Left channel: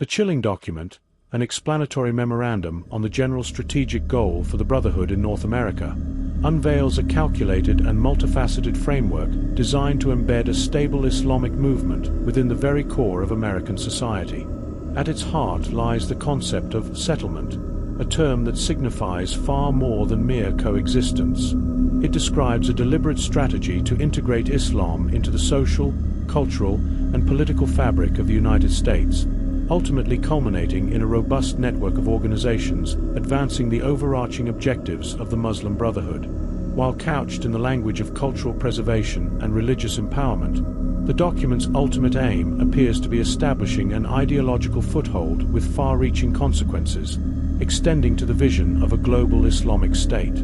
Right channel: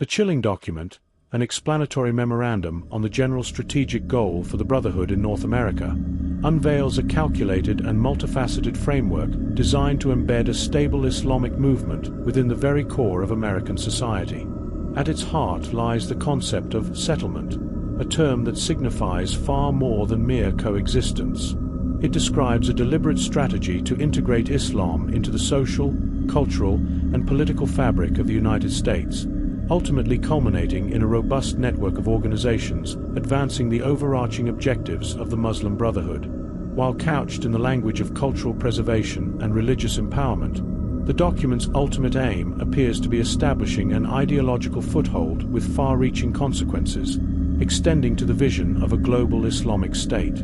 The chilling document, an explanatory memorandum on the general strategic goal for the Brotherhood in North America, unveils a calculated and multifaceted framework designed to embed a stable Islamic movement within the very core of American society. At its heart lies the concept of settlement, a term that signifies far more than mere coexistence. It describes a deliberate strategy to integrate Islam into the social, cultural, and political fabric of the United States, ultimately culminating in a robust network of organizations advancing the overarching objectives of the Muslim Brotherhood. While couched in the language of cultural preservation and religious empowerment, the document's ultimate aim appears to be establishing an ideological foothold with far-reaching consequences, extending to the vision of a global Islamic state.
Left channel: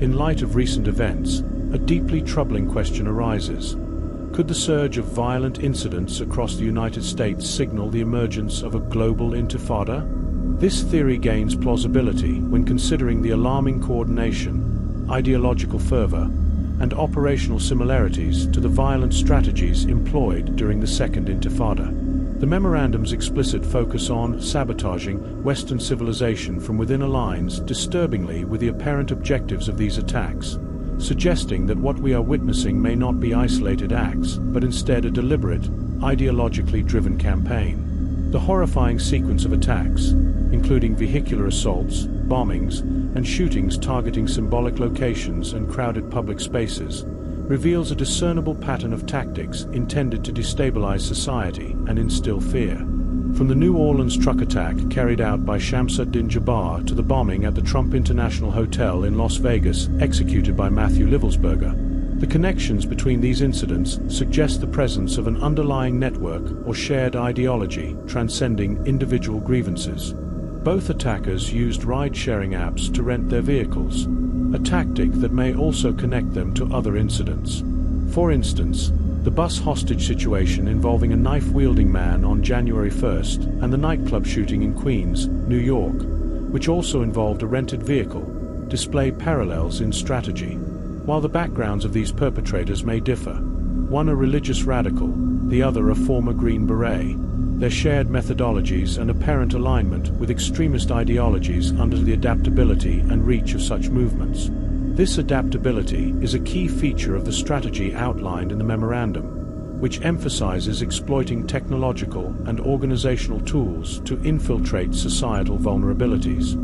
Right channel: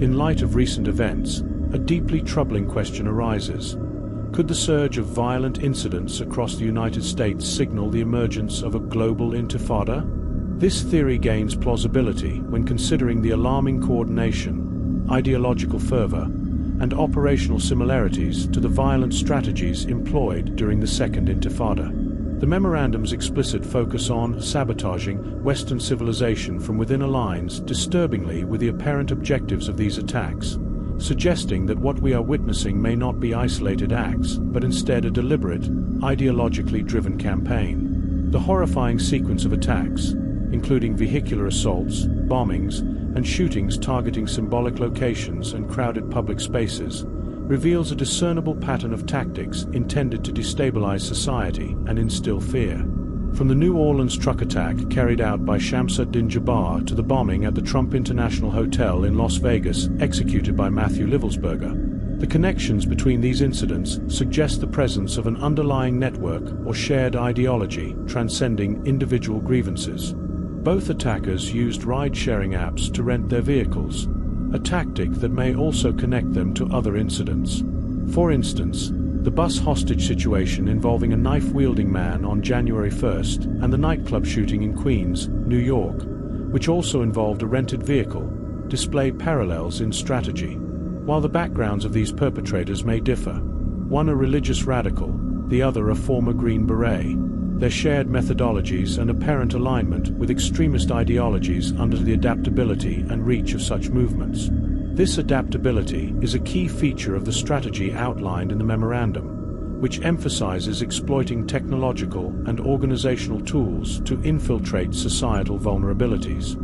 In light of recent events, a deeply troubling question arises. Could the surge of violent incidents across the United States signal the emergence of a global intifada? This theory gains plausibility when considering the alarming coordination, ideological fervor, and operational similarities to the violent strategies employed during the Second Intifada. The memorandum's explicit focus on sabotaging Western civilization from within aligns disturbingly with the apparent objectives of these attacks, suggesting that what we are witnessing may not be isolated acts, but instead a deliberate, ideologically driven campaign. The horrifying sequence of attacks, including vehicular assaults, bombings, and shootings targeting symbolic locations and crowded public spaces, reveals a discernible pattern of tactics intended to destabilize society and instill fear. From the New Orleans truck attack carried out by Shamsuddin Jabbar to the bombing at the Trump International Hotel in Las Vegas executed by Matthew Livelsberger, the connections between these incidents suggest the presence of an underlying network or shared ideology transcending individual grievances. Both attackers used ride-sharing apps to rent their vehicles, a tactic that may also connect them to other incidents. For instance, the bus hostage situation involving a knife-wielding man on January 1st and the nightclub shooting in Queens, New York, which also involved a rented vehicle, display parallels in strategy. While the backgrounds of these perpetrators may differ, one a religious radical, the other a former Green Beret, their shared methodologies and apparent alignment with extremist ideologies under the adaptability and reach of such movements. This adaptability is a key feature of the strategy outlined in the memorandum, which emphasizes exploiting technological and organizational tools to infiltrate societal vulnerabilities.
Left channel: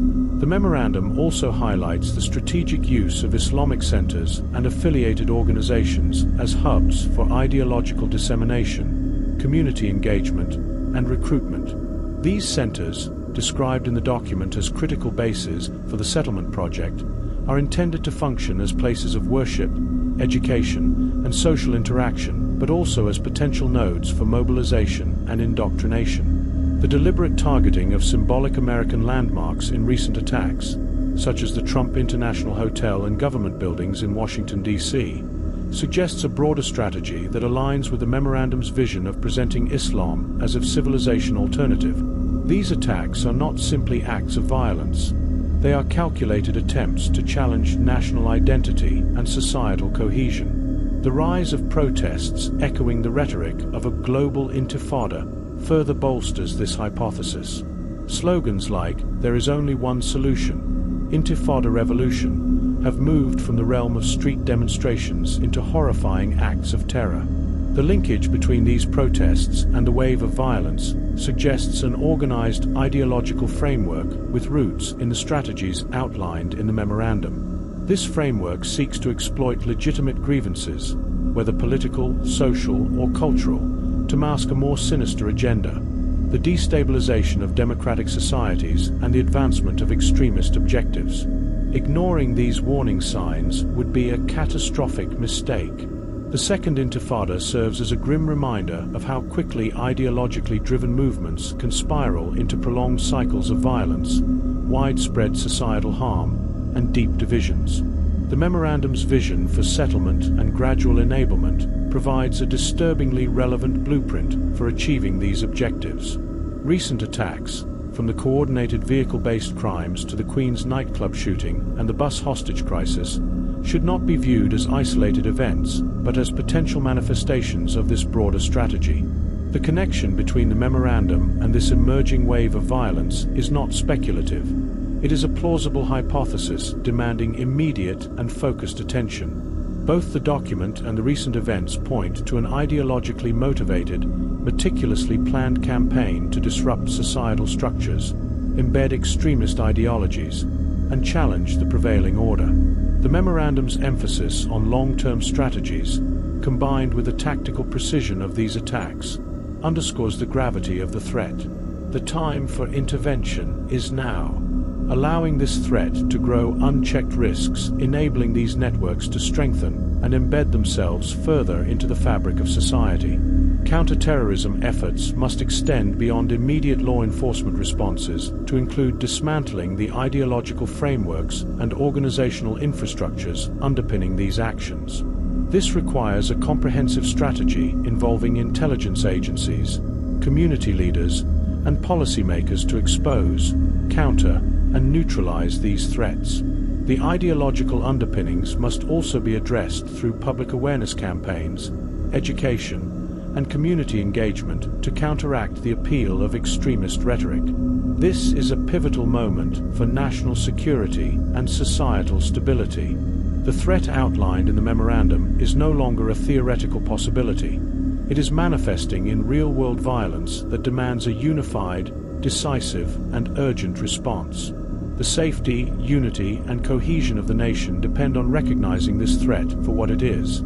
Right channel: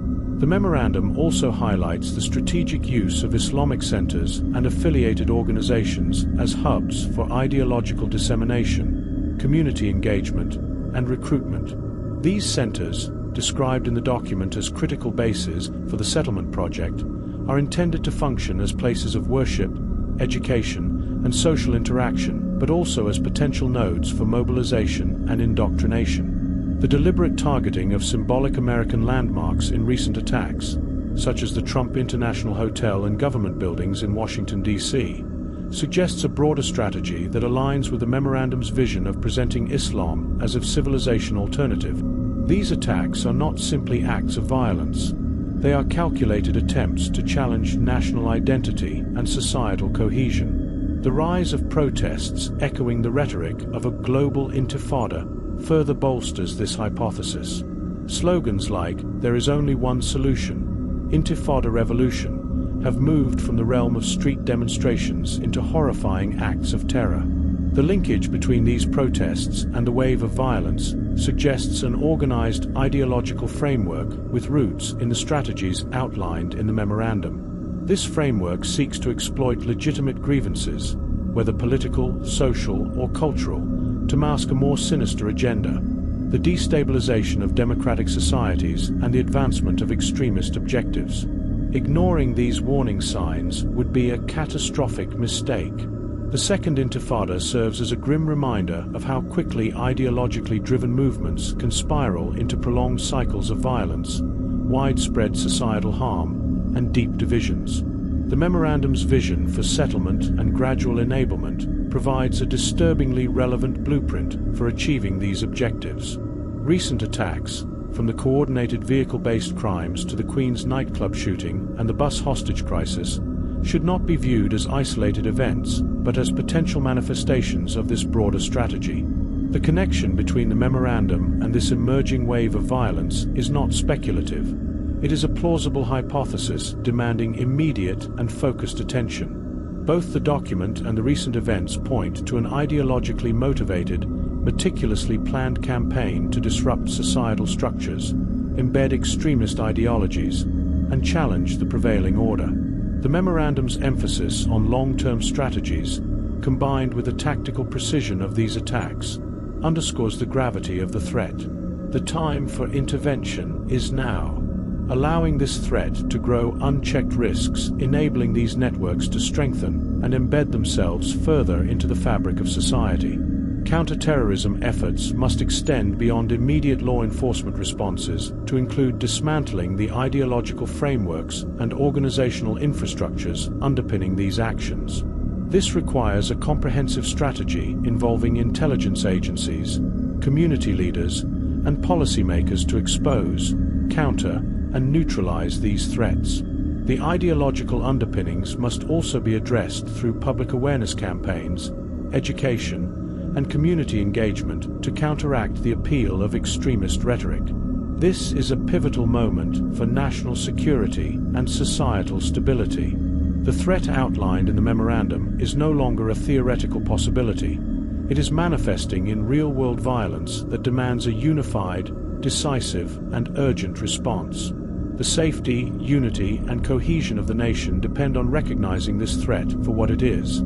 The memorandum also highlights the strategic use of Islamic centers and affiliated organizations as hubs for ideological dissemination, community engagement, and recruitment. These centers, described in the document as critical bases for the settlement project, are intended to function as places of worship, education, and social interaction, but also as potential nodes for mobilization and indoctrination. The deliberate targeting of symbolic American landmarks in recent attacks, such as the Trump International Hotel and government buildings in Washington, D.C., suggests a broader strategy that aligns with the memorandum's vision of presenting Islam as a civilization alternative. These attacks are not simply acts of violence. They are calculated attempts to challenge national identity and societal cohesion. The rise of protests echoing the rhetoric of a global intifada further bolsters this hypothesis. Slogans like "There is only one solution," "Intifada revolution," have moved from the realm of street demonstrations into horrifying acts of terror. The linkage between these protests and the wave of violence suggests an organized ideological framework with roots in the strategies outlined in the memorandum. This framework seeks to exploit legitimate grievances, whether political, social, or cultural, to mask a more sinister agenda: the destabilization of democratic societies and the advancement of extremist objectives. Ignoring these warning signs would be a catastrophic mistake. The Second Intifada serves as a grim reminder of how quickly ideologically driven movements can spiral into prolonged cycles of violence, widespread societal harm, and deep divisions. The memorandum's vision for settlement and gradual enablement provides a disturbingly relevant blueprint for achieving these objectives. Recent attacks, from the coordinated vehicle-based crimes to the Queens nightclub shooting and the bus hostage crisis, should not be viewed as isolated events, but as potential manifestations of this broader strategy. The connection between the memorandum and this emerging wave of violence is not speculative. It is a plausible hypothesis demanding immediate and focused attention. Both the document and the recent events point to an ideologically motivated, meticulously planned campaign to disrupt societal structures, embed extremist ideologies, and challenge the prevailing order. The memorandum's emphasis on long-term strategies, combined with the tactical precision of these attacks, underscores the gravity of the threat. The time for intervention is now. Allowing this threat to grow unchecked risks, enabling these networks to strengthen and embed themselves further into the fabric of society. Counter-terrorism efforts must extend beyond immediate law enforcement responses to include dismantling the ideological frameworks and organizational infrastructures underpinning these actions. This requires a comprehensive strategy involving intelligence agencies, community leaders, and policymakers to expose, counter, and neutralize these threats. The ideological underpinnings must also be addressed through public awareness campaigns, education, and community engagement to counteract the appeal of extremist rhetoric. This is a pivotal moment for national security and societal stability. The threat outlined in the memorandum is no longer a theoretical possibility. It is manifesting in real-world violence that demands a unified, decisive, and urgent response. The safety, unity, and cohesion of the nation depend on recognizing this threat for what it is:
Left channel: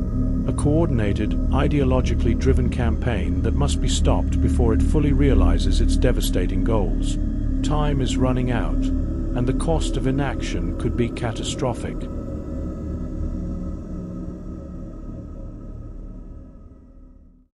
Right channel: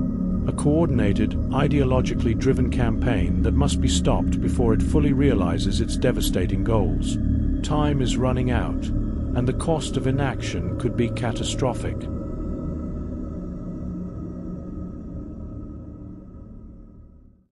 a coordinated, ideologically driven campaign that must be stopped before it fully realizes its devastating goals. Time is running out, and the cost of inaction could be catastrophic.